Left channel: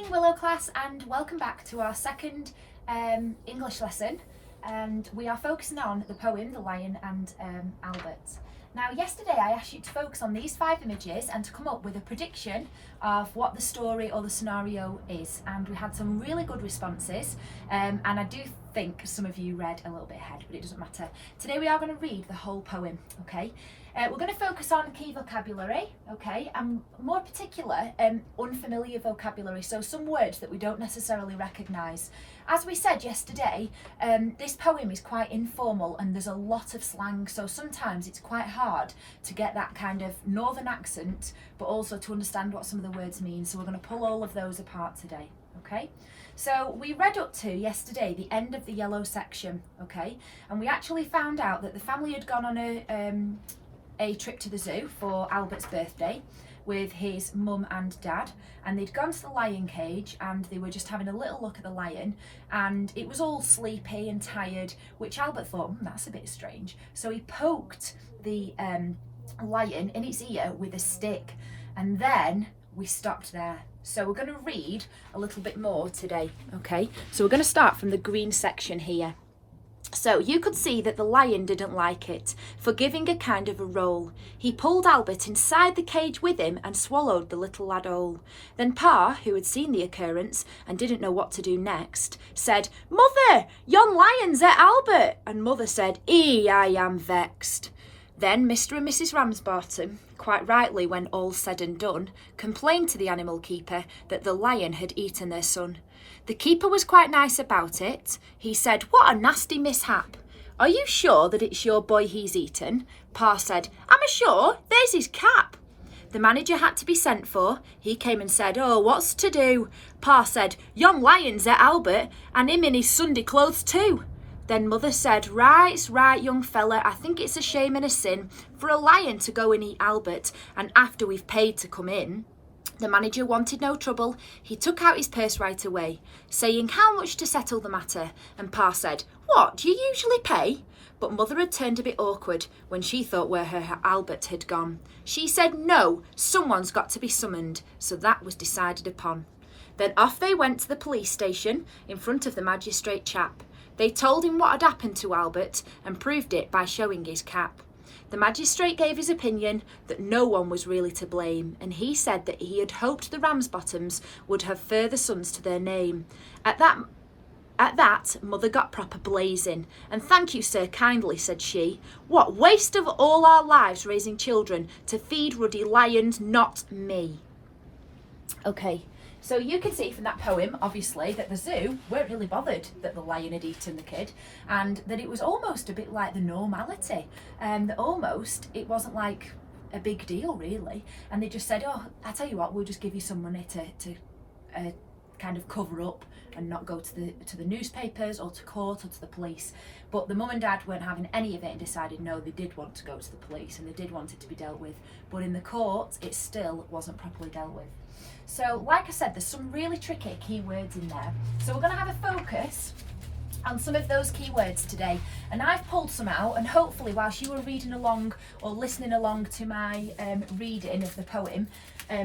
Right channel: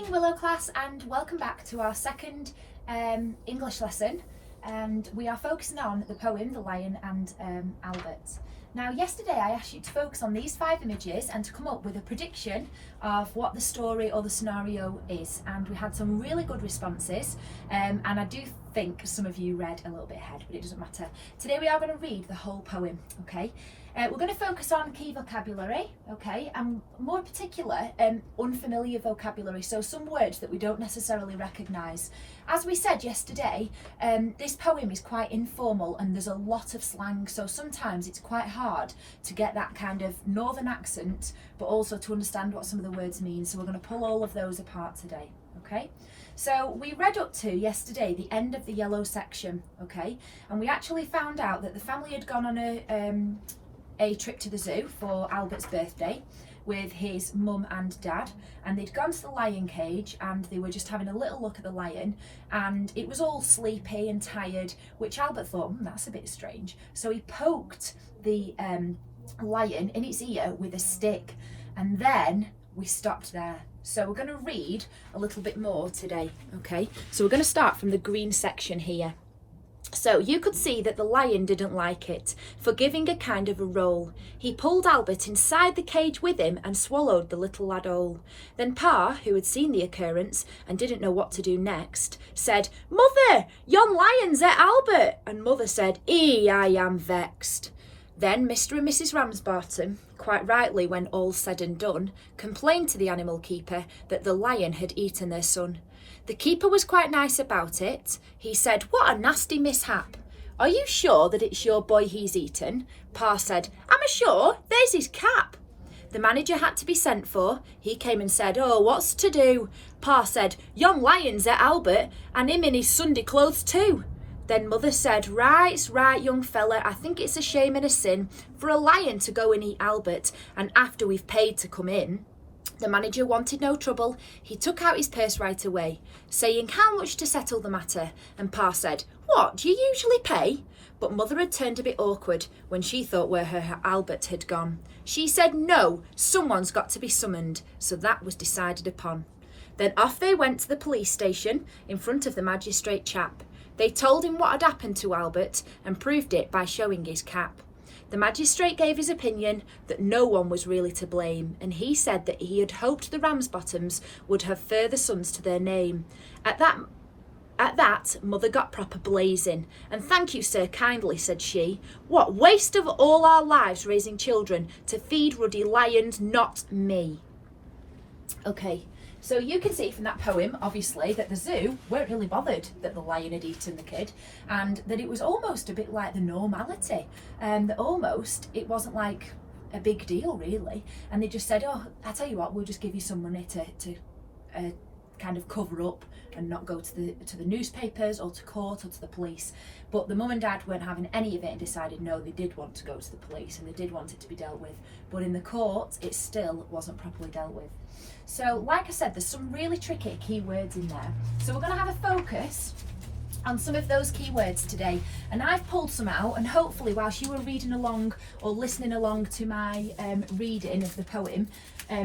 morning, Willow class, and welcome back to our second English lesson. And we are focusing on the poem The Lion and Albert. Now, yesterday I asked you to focus on these 5 images and to come up with a prediction of what the story or the scenario is. And we had some really good responses, and I do think some of you read a little bit ahead, but it doesn't matter. Today we are going to read the whole poem, okay? We're going to focus on key vocabulary, okay, and more particular, unfamiliar vocabulary, so some words that we don't necessarily recognise. As we said yesterday, this poem is quite informal and there's a lot of slang, so sometimes it's quite hard to get that kind of northern accent, but also to understand what some of the words mean, so we're going to pull all of those apart today, okay? So we read up to yesterday the end of the yellow section, okay, and we actually found out that the family had gone on a trip to the zoo for Albert's birthday with his mum and dad, and they'd gone to the lion cage and they were just having a little look at the lion, and it was all sleepy and tired, which Albert thought, that's a bit strange, so he poked the lion in its ear with a stick, and then we stopped there. So we're going to read a little bit more today, okay? So we're going to start from the green section here. So you could see that the lion didn't like it, for giving a kind of a roll. He pulled Albert inside the cage with him and swallowed the little lad whole. Then Pa, who had seen the occurrence and didn't know what to do next, said, "Mother, yon lion's at Albert." And Mother said, I am vexed." Then Mr. and Mrs. Ramsbottom, quite rightly when all's said and done, complained to the animal keeper that the lion had eaten their son. The keeper was quite nice about it. He said, "What a nasty mishap. Are you sure that it's your boy he's eaten?" Pa said, "I'm sure, there's his cap." The manager had to be sent for. He came and said, "Oh, what's to do?" Pa said, "Yon lion's at Albert, and him in his Sunday clothes too." Then Mother said, "Right's right, young fella, I think it's a shame and a sin for a lion to go and eat Albert, and after we've paid to come in." The manager wanted no trouble. He took out his purse right away, saying how much to settle the matter, and Pa said, "What, do you usually pay?" But Mother had turned a bit awkward when she thought where her Albert had gone. She said, "No, someone's got to be summoned," so that was decided upon. Then off they went to the police station in front of the magistrate chap. They told him what had happened to Albert and proved it by showing his cap. The magistrate gave his opinion that no one was really to blame, and he said that he had hoped the Ramsbottoms would have further sons to their name. At that, Mother got proper blazing. "And thank you, sir, kindly," said she. "What waste of all our lives raising children to feed ruddy lions, not me." Okay. So you can see from that poem, obviously, that the zoo weren't really bothered that the lion had eaten the kid, and that it was almost a bit like the normality, that almost it wasn't like a big deal really, and they just said, "Oh, I tell you what, we'll just give you some money to kind of cover up and not go to the newspapers or to court or to the police." But the mum and dad weren't having any of it and decided no, they did want to go to the police and they did want it to be dealt with, but in the court it still wasn't properly dealt with. So like I said, there's some really tricky keywords in there. So we're going to have a focus on some of those keywords today. And I've pulled some out, and hopefully whilst you were reading along or listening along to my reading of the poem,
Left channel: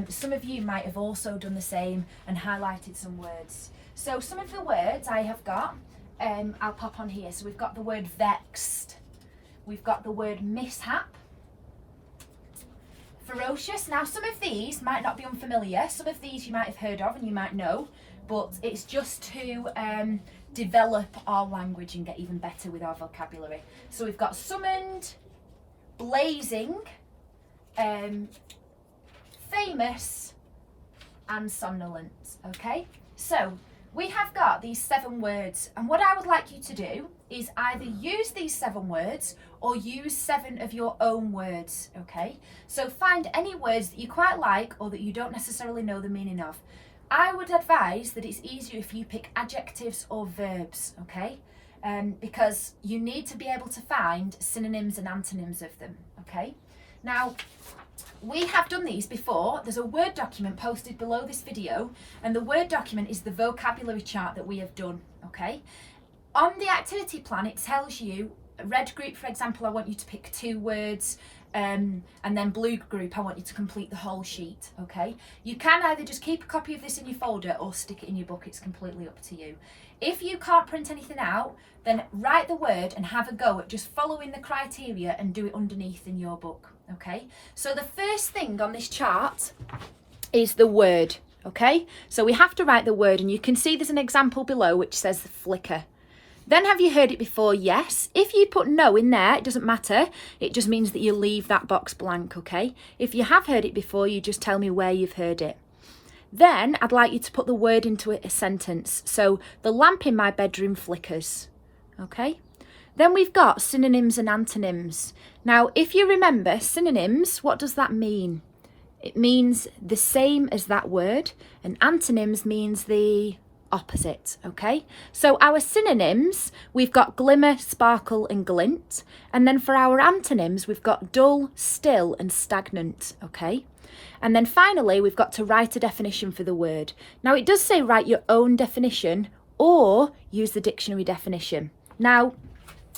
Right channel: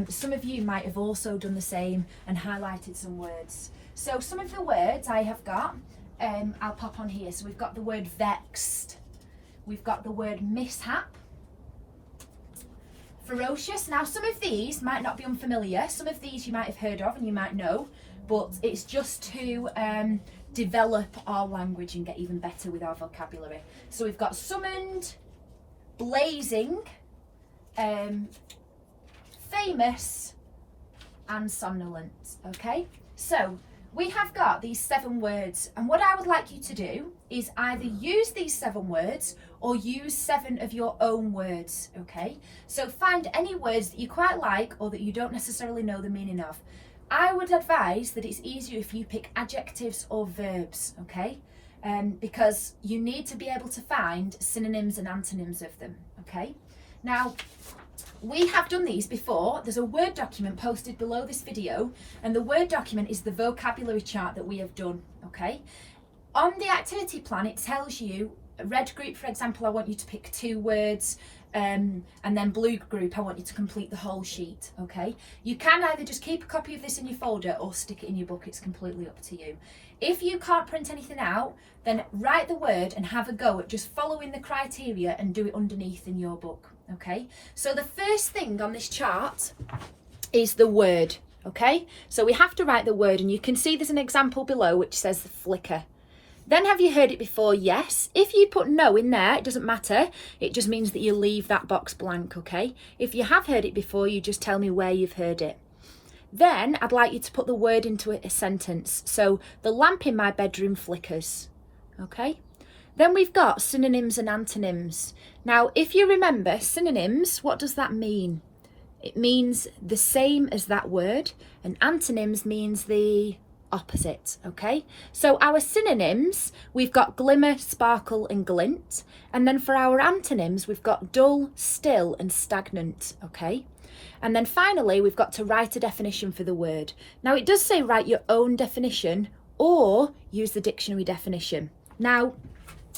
some of you might have also done the same and highlighted some words. So some of the words I have got, I'll pop on here. So we've got the word vexed. We've got the word mishap. Ferocious. Now some of these might not be unfamiliar, some of these you might have heard of and you might know, but it's just to develop our language and get even better with our vocabulary. So we've got summoned, blazing, famous and somnolent, okay? So we have got these 7 words, and what I would like you to do is either use these 7 words or use 7 of your own words, okay? So find any words that you quite like or that you don't necessarily know the meaning of. I would advise that it's easier if you pick adjectives or verbs, okay? Because you need to be able to find synonyms and antonyms of them, okay? Now, we have done these before. There's a Word document posted below this video, and the Word document is the vocabulary chart that we have done, okay? On the activity plan, it tells you, red group, for example, I want you to pick 2 words, and then blue group, I want you to complete the whole sheet, okay? You can either just keep a copy of this in your folder or stick it in your book. It's completely up to you. If you can't print anything out, then write the word and have a go at just following the criteria and do it underneath in your book, okay? So the first thing on this chart is the word, okay? So we have to write the word, and you can see there's an example below which says flicker. Then have you heard it before? Yes. If you put no in there, it doesn't matter. It just means that you leave that box blank, okay? If you have heard it before, you just tell me where you've heard it. Then I'd like you to put the word into a sentence. So the lamp in my bedroom flickers, okay? Then we've got synonyms and antonyms. Now, if you remember synonyms, what does that mean? It means the same as that word, and antonyms means the opposite, okay? So our synonyms, we've got glimmer, sparkle and glint, and then for our antonyms we've got dull, still and stagnant, okay? And then finally we've got to write a definition for the word. Now it does say write your own definition or use the dictionary definition. Now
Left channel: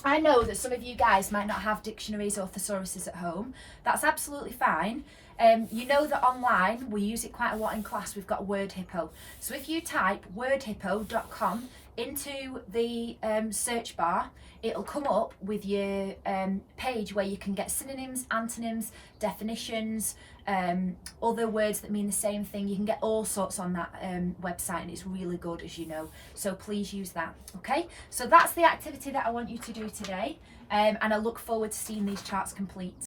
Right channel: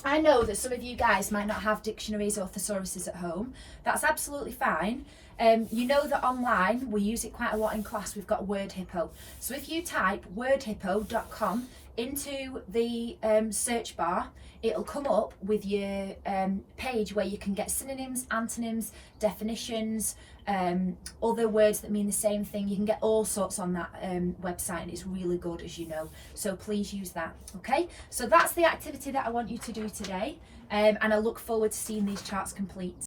I know that some of you guys might not have dictionaries or thesauruses at home. That's absolutely fine. You know that online, we use it quite a lot in class, we've got Word Hippo. So if you type wordhippo.com into the search bar, it'll come up with your page where you can get synonyms, antonyms, definitions, other words that mean the same thing. You can get all sorts on that website, and it's really good, as you know. So please use that, okay? So that's the activity that I want you to do today, and I look forward to seeing these charts complete.